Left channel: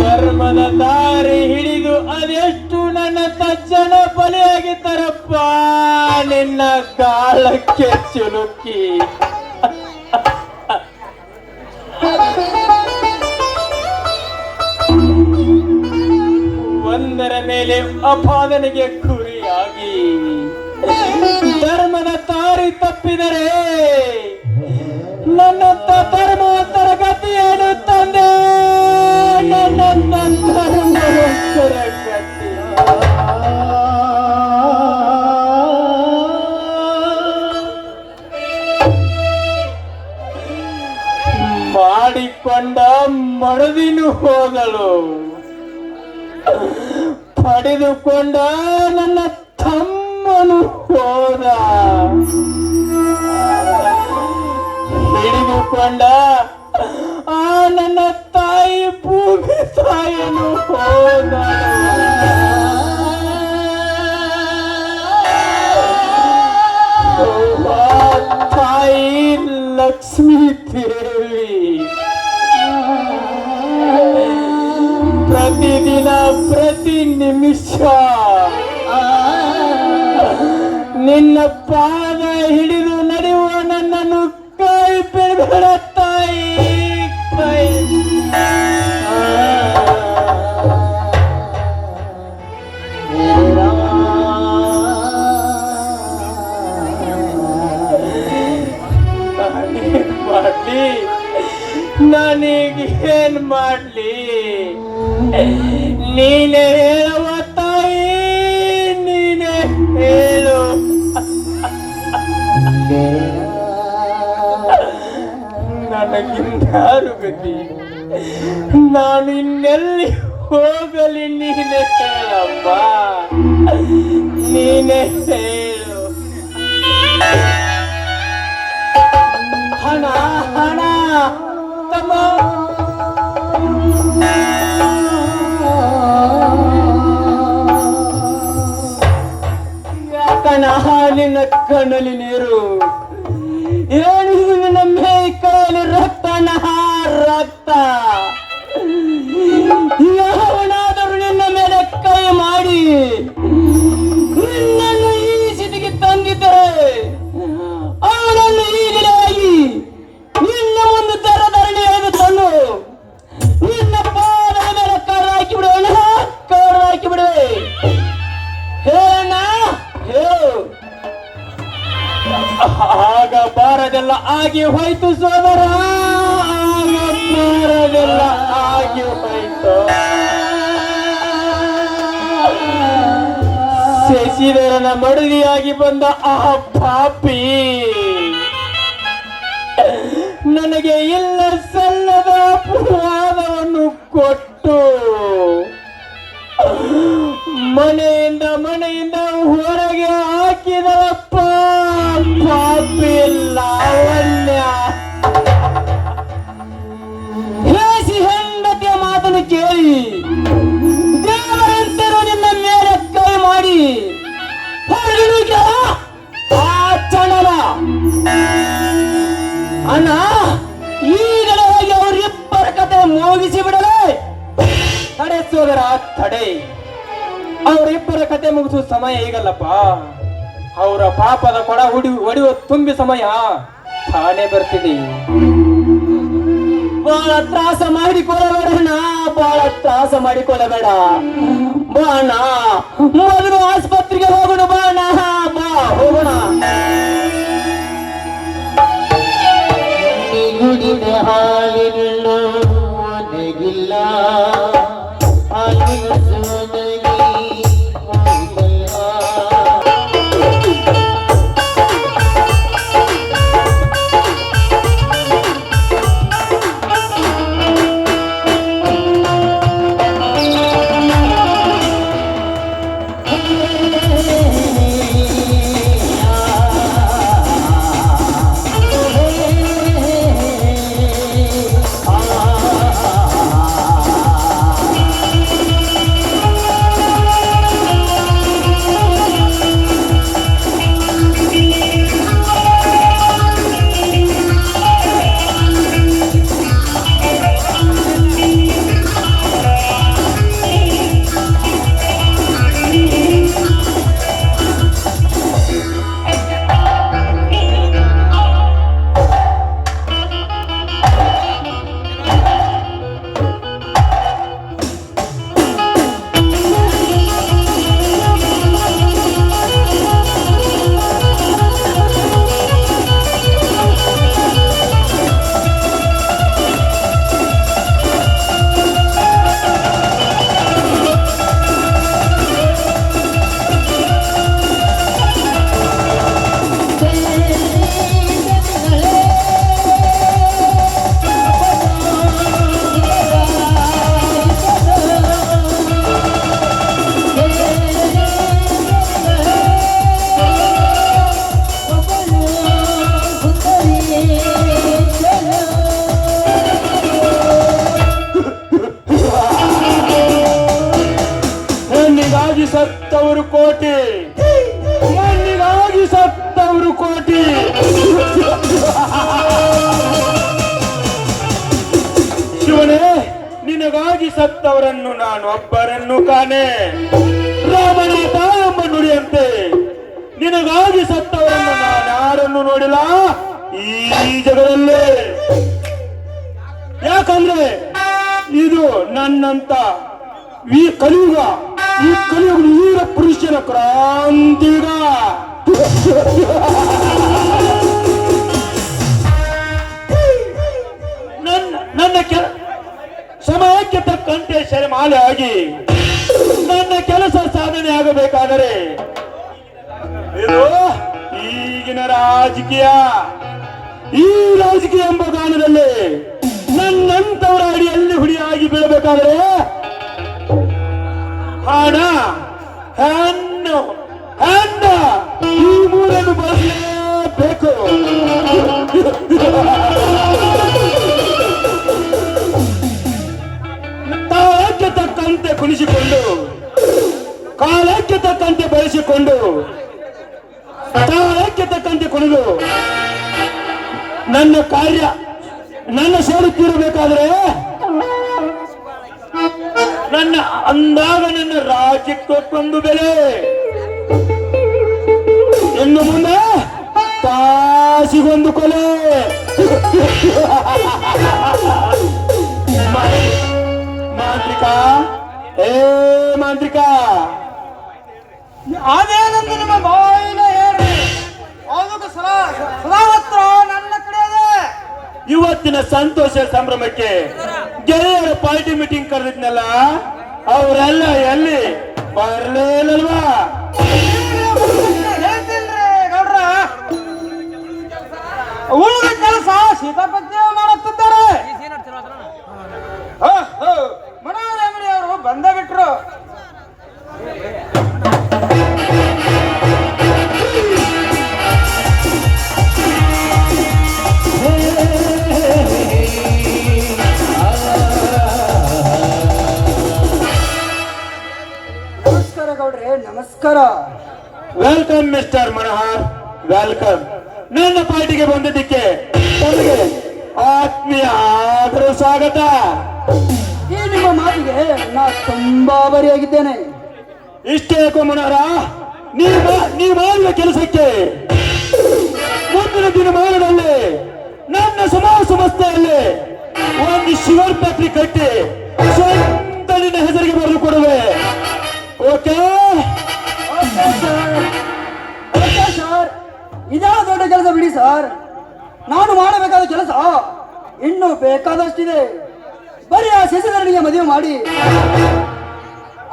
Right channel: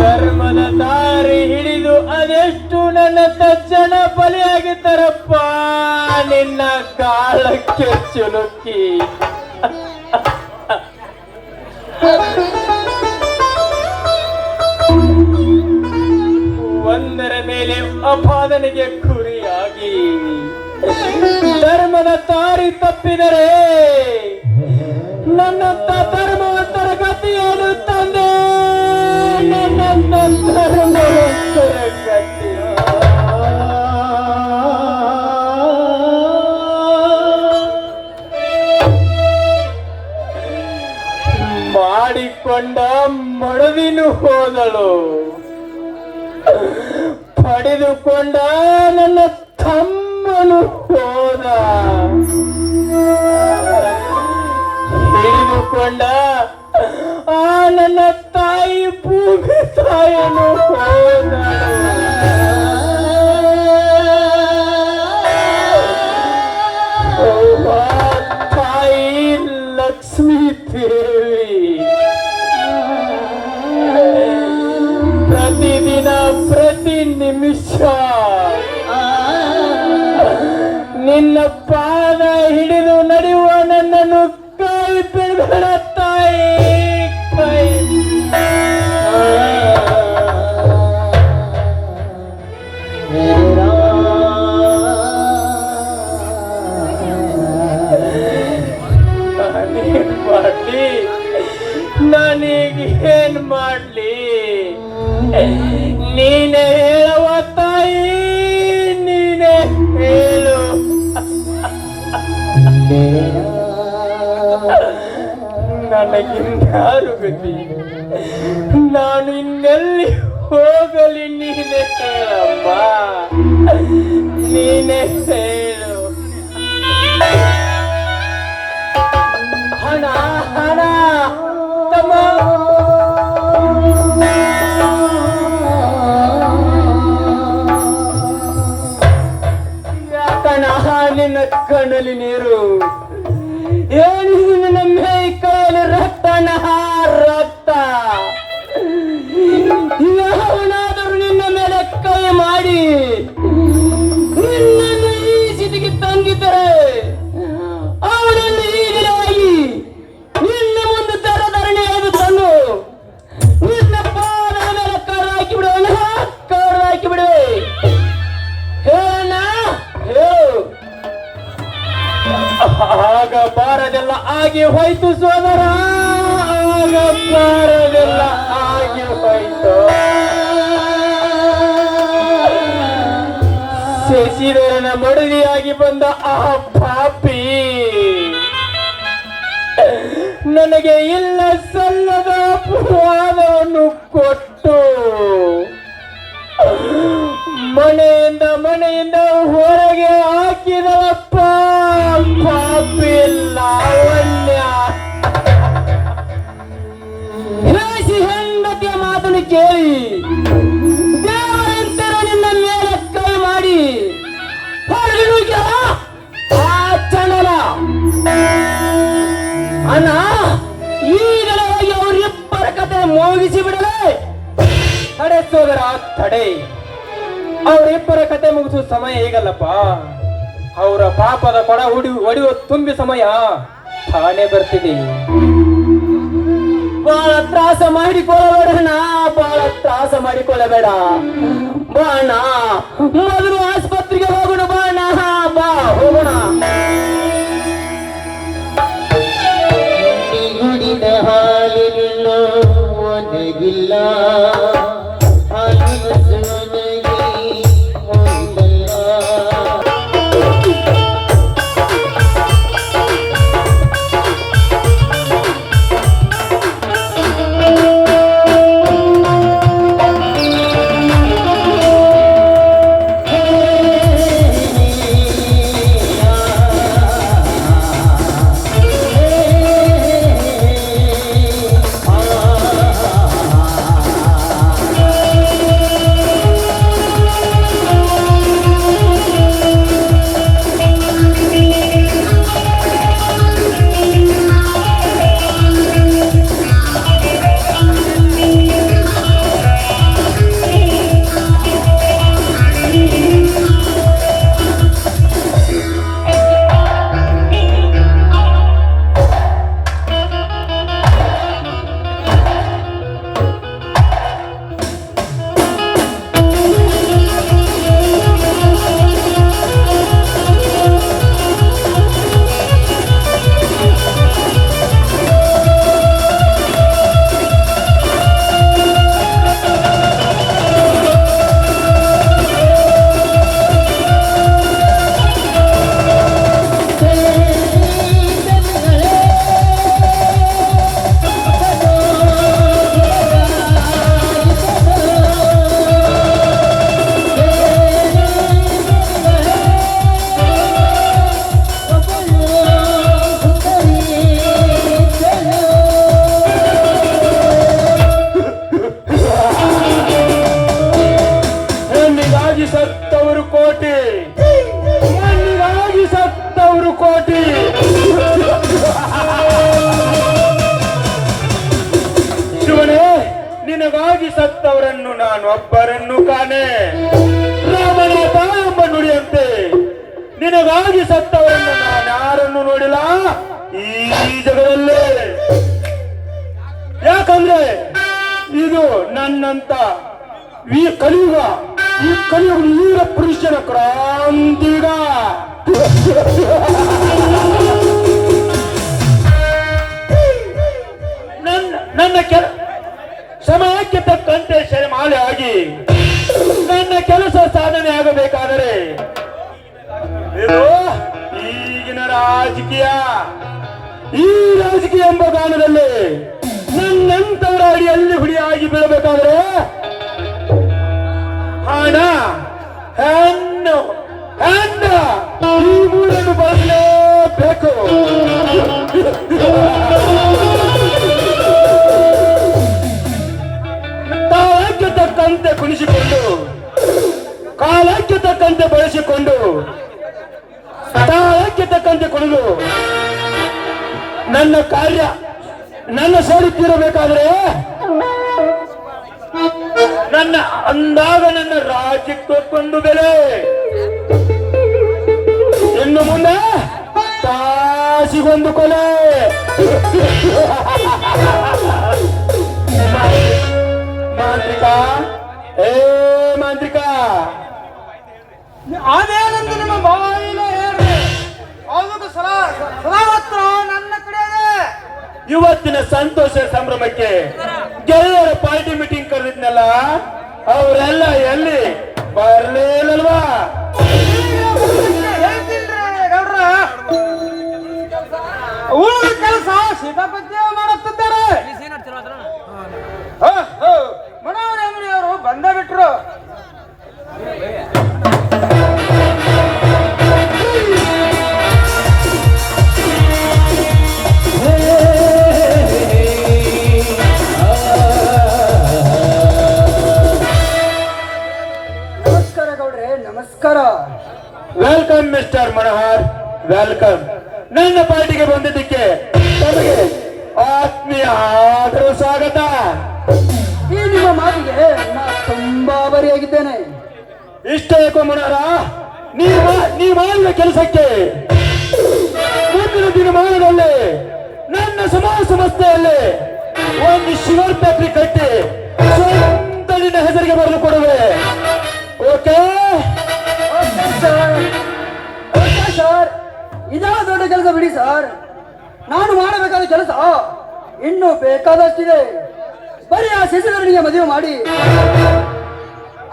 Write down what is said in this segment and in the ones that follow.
ಧರ್ಮದ ದಾರಿ ಹಿಡಿದು ಅದೆಷ್ಟು ನನ್ನ ತಜ್ಜನ ಬಲಿಯಾಗಿದ್ದಾರಪ್ಪ? ನಿನ್ನ ಕಾಲಕ್ಕೆ ಚುಲುಕಿ. ಒಂದರ ಮೇಲೆ ಅಪಾದನೆಗೆ ಧರ್ಮದ ದಾರಿ ತಪ್ಪಿದರೆ ನನ್ನಂತ ಧರ್ಮವಂತರ ಗತಿಯನ್ನು ತಂದೆ. ನನ್ನಂತ ಧರ್ಮವಂತರ ಗತಿ ಮಾಡಿಕೊಂಡ ಮಡವಿನು ಹೋದಳು. ಪಡೆದುಕೊಂಡ ನನ್ನ ತಮ್ಮನು ಹೋದ ಹಿಡಿದುಕೊಂಡ ಆ ನನ್ನ ತಾಯಿ ಭೂಮಿ ತಾಯನು ಹೋದ ತಾಯಿ ಲಕ್ಷ್ಮೀ ದೇವಿ ಪ್ರತಿದಿನ ಪ್ರತಿ ನಿಮಿಷ ನಿನ್ನ ಪಾದ ಹಿಡಿದು ನಡೆಯುವ ನನ್ನನ್ನು ಕೈ ಬಿಡಬೇಡ ತಾಯಿ ಮಾಡ್ಲಿ ಏನ್ ಮಾಡ್ಲಿ? ನೀನೇ ನನಗಿನ್ಯಾರು ಗತಿ? ನಾನು ಇನ್ನೆಲ್ಲಿ ಹೋಗಲಿ ನೀನೇ ಹೇಳಮ್ಮ. ನೀನೇ ಹಣ ಹಣ ನೀರು ಶಶಿಧರನ ಮಡದಿಯಾಗಿ ಬಂದ ಆ ಪಾಪಿ ನನಗೆ ಇಲ್ಲ ಸಲ್ಲದ ಅಪವಾದವನ್ನು ಅಣ್ಣ ಈಗಲೇ ಹೋಗಿ ಅವರಿಬ್ಬರ ಕತೆ ಮುಗಿಸಿ ಬಿಡಲೇ. ತಡೆ ಸೋದರ, ತಡೆ. ಅವರಿಬ್ಬರ ಕತೆ ಮುಗಿಸುವ ಸಮಯ ಈಗಲ್ಲಪ್ಪ. ಅವರ ಪಾಪದ ಕೊಡ ಹುಡಿ ಹೊಡೆಯುವ ತುಂಬಿ ಸಮಯ ತಾನೇ ಬರ್ತಿದೆ. ಬಹಳ ತ್ರಾಸ ಮಾಡಿಕೊಳ್ಳಬೇಡಣ್ಣ ಬಹಳ ತ್ರಾಸ ಮಾಡಿಕೊಳ್ಳಬೇಡ. ಬಾಣ ಮೊದಲು ಆಸ್ಪತ್ರೆಗೆ ಹೋಗೋಣ ಬಾ بالله ಸತ್ತವರು ಕೋಟಿ. ಮಣ್ಣಿಗಾಗಿ ಸತ್ತವರು ಕೋಟಿ. ಶಿವನೇ, ನಿನಗಾಗಿ ಸತ್ತವರನ್ನು ನಾನು ಒಬ್ಬರನ್ನು ಕಾಣೆ. ರಾಮನ ತಾಯಮ್ಮ ನುಡಿಯಂತೆ, ನಿನಗಾಗಿ ಸತ್ತವರನ್ನು ನಾನು ಯಾರನ್ನು ನೋಡಿಲ್ಲ? ಈ ಜಗದಲ್ಲೇ. ಯಾಕಂದ್ರೆ ಇದು ನನ್ನಂತ ಈ ಕಲಿಯುಗ ಈ ಕಲಿಯುಗ ವೀರ ಪುರುಷನ ಕ್ರಾಂತಿಗ ನನ್ನ ಕೆಲ, ಸಮಯಕ್ಕೆ ತಕ್ಕಂತೆ ಶರಮಾಲೆ ಆಗಿ ನನ್ನ ಕೆಲಸ ಸಾಧನೆ ಆಗಬೇಕಾದರೆ ಈಗಿನ ರಾಜಕೀಯ. ಈ ರಾಜಕೀಯ ಎಂಬ ಗಾನದಲ್ಲಿ ನನ್ನಂತವರ ಅಡಿಯಲ್ಲಿ ಹುಡಿಯಾಗಿ ಬೀಳಬೇಕಾದ್ರೆ ನನ್ನ ಅಂದಾಗ ನನ್ನ ರಾಜ್ಯಕ್ಕೊಂದು ಬೆಲೆ. ಇನ್ನು ಮುಂದೆ ತಾಸಿಗೊಂದು ಕೊಲೆ. ಮಾಂತ್ರಿಕ ಏ ಮಾಂತ್ರಿಕ. ಅದೇನಂತ ನಿಮ್ಮ ಬಾಯಿನ ಹೇಳಿ. ಅದಕ್ಕೆ ಸಲಾ ಸದಾವತ್ರ ನನ್ನ ಕಡೆ ಇವತ್ತಿನ ಸಂತೋಷ ಸಂಭ್ರಮಕ್ಕೆ ಗೆಳೆಯರ ಪಾರ್ಟಿ ಮೀಟಿಂಗ್ ಕರೆದಿದ್ನಲ್ಲ, ಅವರೆಲ್ಲ ಎಲ್ಲಿ? ಬರ್ಲಿಲ್ಲಲ್ವಾ ಉಳಿದ ಕೆಲಸ ಸೀತಾಪತಿ ಮಾಡುತ್ತಿದ್ದಾರೆ. ಮನೋಹರ ಅವರು ಬಂದೇ ಬಿಟ್ರು. ವೆಲ್ಕಮ್ ಮಿಸ್ಟರ್ ಮನೋಹರ್ ವೆಲ್ಕಮ್ ನನ್ನ ಪಾರ್ಟಿಗೆ ಬಂದಿದ್ದಕ್ಕೆ ತಮಗೆ ಆತ್ಮೀಯ ಆದರ ಸ್ವಾಗತ. ಈ ನಿಮ್ಮ ಮಾತಿಗೆ ನಾ ತುಂಬಾ ಬರಿಯಾಗಿದ್ದೇನೆ. ಇಷ್ಟೇ ಯಾಕೋ ಮನೋಹರ. ನೀವು ನೀವು ಮಾಡುವ ಕೆಲಸಕ್ಕೆ ಮುಂದಿನ ದಿನಮಾನದಲ್ಲಿ ನನ್ನ ಸಮಾಜ ಸಂಸ್ಥೆಯಲ್ಲಿ ಒಂದು ಶಿವರ್ ಪೇಪರಿ ಕಟ್ಟಿ ಸ್ವಂತ ಹೆಸರಿಗೆ ಬರೆದು ಕೊಡುವೆ. Okay sir. ನಾನು ಮಾಡಬೇಕಾದ ಕೆಲಸ ಇನ್ನು ಬೇಕಾದಷ್ಟಿದೆ. ಬರೀ ಆ ಶಿಶುಧರಣಿಗೆ ಮದುವೆ ಮಾಡಿ.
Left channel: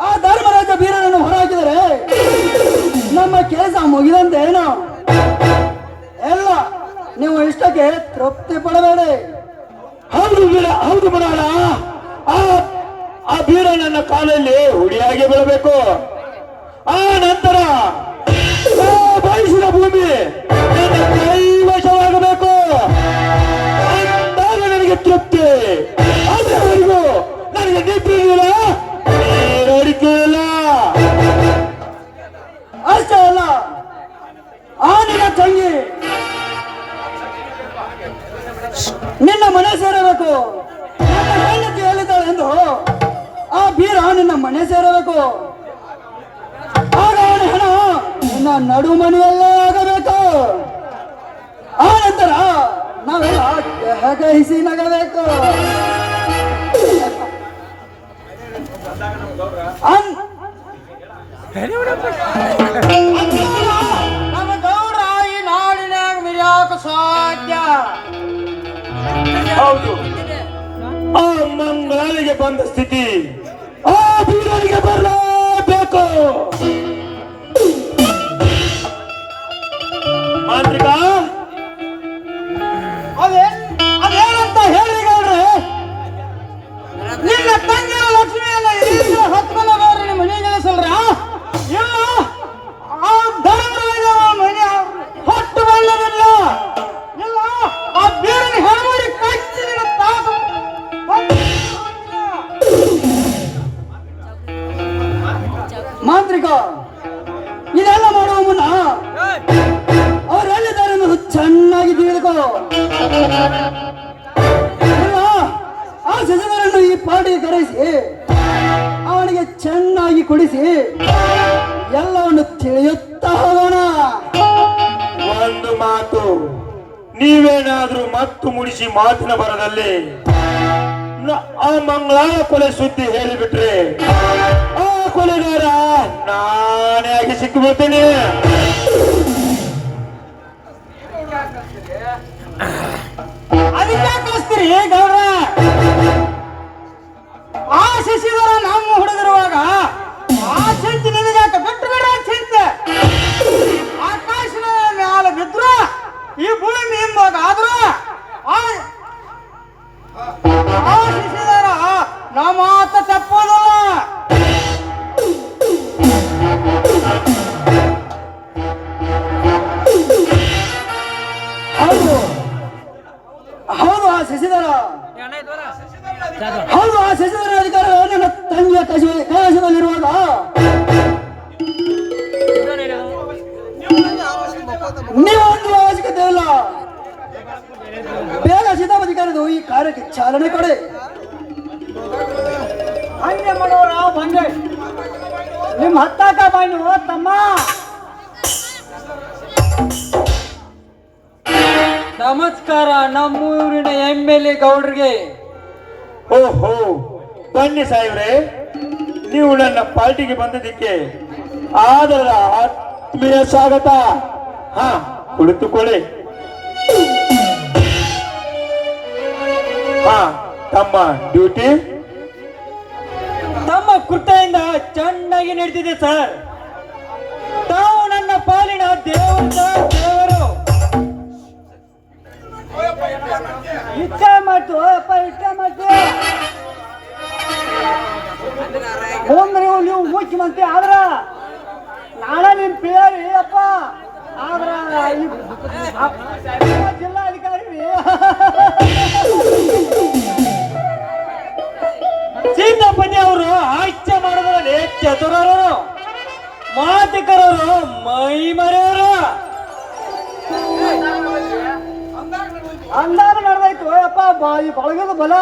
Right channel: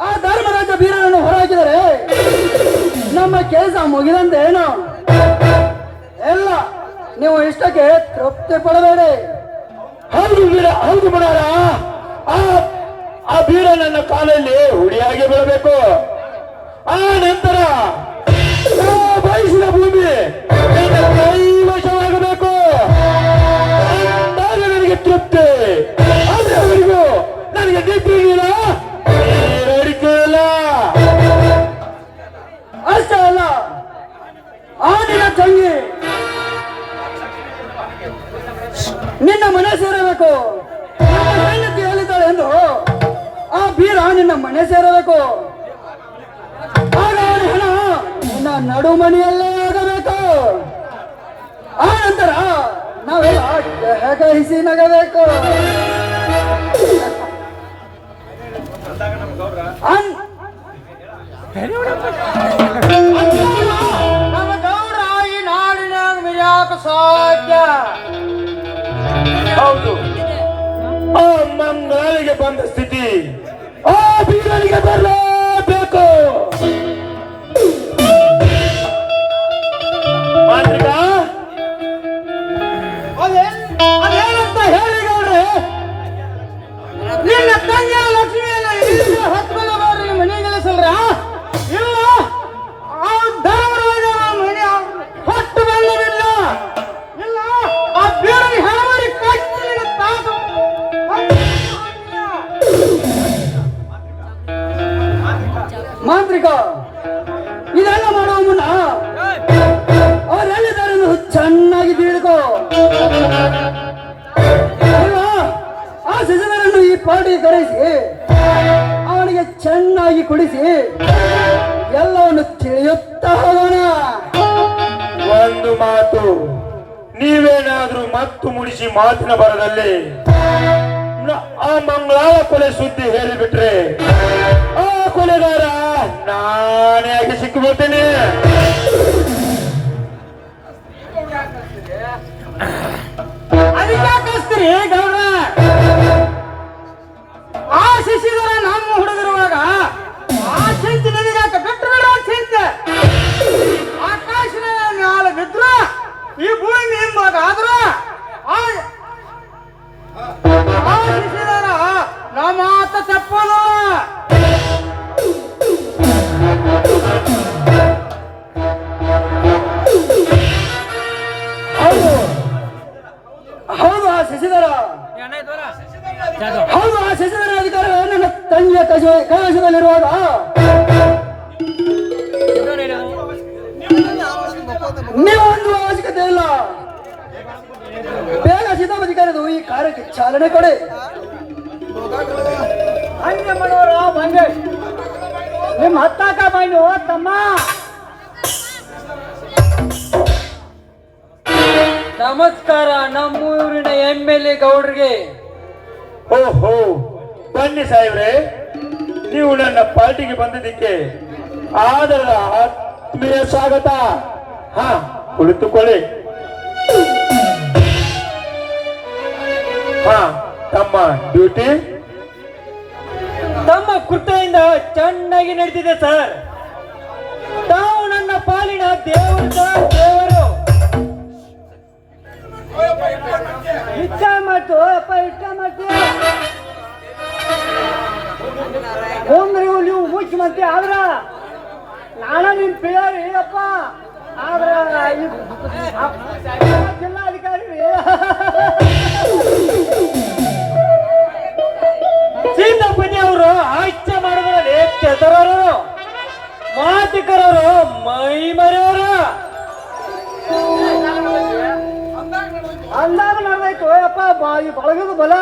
ಆ ಧರ್ಮರಾಜ ಬೀರನನ್ನು ಹೊರಹಾಕಿದರೆ ನಮ್ಮ ಕೆಲಸ ಮುಗಿದಂತೆ ಏನು? ಎಲ್ಲ ನೀವು ಇಷ್ಟಕ್ಕೆ ತೃಪ್ತಿ ಪಡಬೇಡಿ. ಹೌದು ಬೀರ ಹೌದು ಬಿಡಾರ. ಆ ಆ ಬೀರ ನನ್ನ ಕಾಲಲ್ಲಿ ಹುಡಿಯಾಗಿ ಬೀಳಬೇಕು ಆ ನಂತರ ಬಯಸಿದ ಭೂಮಿ ನಿನ್ನ ಮನೆ ಸೇರಬೇಕು. ಎಂದು ಆ ಬೀರ ನಿನ್ನ ಮನೆ ಸೇರಬೇಕು. ಆಗ ನಿನ್ನ ನಡುಮಣಿಯಲ್ಲೇ ಆಗಬೇಕು. ಆ ನಂತರ ನಾವೆಲ್ಲ ಹೆಗಹಿಸಿ ನಗಬೇಕು. ಅನ್- ಹೌದು ಆ ಮಂಗಾಲಿಗೆ ಬಂದ ಸ್ಥಿತಿ. ಆ ಬೀರನಿಗೆ ಬರಲೇಬೇಕು ಒಂದು ಮಾತು, ನೀವೇನಾದ್ರೂ ಮತ್ತು ಮುಡಿಸಿ ಮಾತಿನ ಬರದಲ್ಲಿ ಆ ಮಂಗಳಾಳ ಕೊಲೆ ಸುದ್ದಿ ಹೇಳಿಬಿಟ್ರೆ, ಆ ಕೊಲೆಗಾರ ನಾನೇ ಸಿಕ್ಕಿಬಿಡ್ತೇನೆ. ಅದಕ್ಕೆ ಕಳಿಸ್ತೀರಿ ಗೌರವ ಆ ಶಶಿಧರ ನಮ್ಮ ಚಾಲನೆ ಕೊಡಿ. ನಿಮ್ಮ ಹತ್ತಾಕ ಬಾಂಡು ತಮ್ಮ. ನಮಸ್ಕಾರ ನಮ್ಮೂರಿನ ಎಂ ಎಲ್ ಎ ಗೌಡ್ರಿಗೆ. ಓಹೋ ಬನ್ನಿ ಸಾಹೇಬ್ರೆ. ನೀವು ನನ್ನ ಪಾರ್ಟಿಗೆ ಬಂದಿದ್ದಕ್ಕೆ ಆದರ ಆತ್ಮೀಯ ಸ್ವಾಗತ. ಹಾ ಕುಳಿತುಕೊಳ್ಳಿ. ತಮ್ಮ ಡ್ಯೂಟಿ ತಮ್ಮ ಕೃತಿಯಿಂದ ಚೆನ್ನಾಗಿ ನಡೆದಿದೆ ಸರ್. ತಾವು ನನ್ನ ಪಾಲಿನ ದೇವರು ದೇವರು. ಇಷ್ಟ ಮಾತು ಅಪ್ಪ ಇಷ್ಟ ಮಾತು ಹೋದ್ರೆ ನೀವು ಮುಖ್ಯಮಂತ್ರಿ ಆದ್ರ ನಾನ ನಿಮ್ ಪಿಯರಿ ಅಪ್ಪ. ಆದ್ರ ಚತುರರು ಮಾತಿಕರರು ಮೈ ಮರೆಯವರು ಅಂದಾಗ ನಡೆದಾಯ್ತು ಯಪ್ಪ ಬಾಯಿ ಬಳಗದ ಬಲ.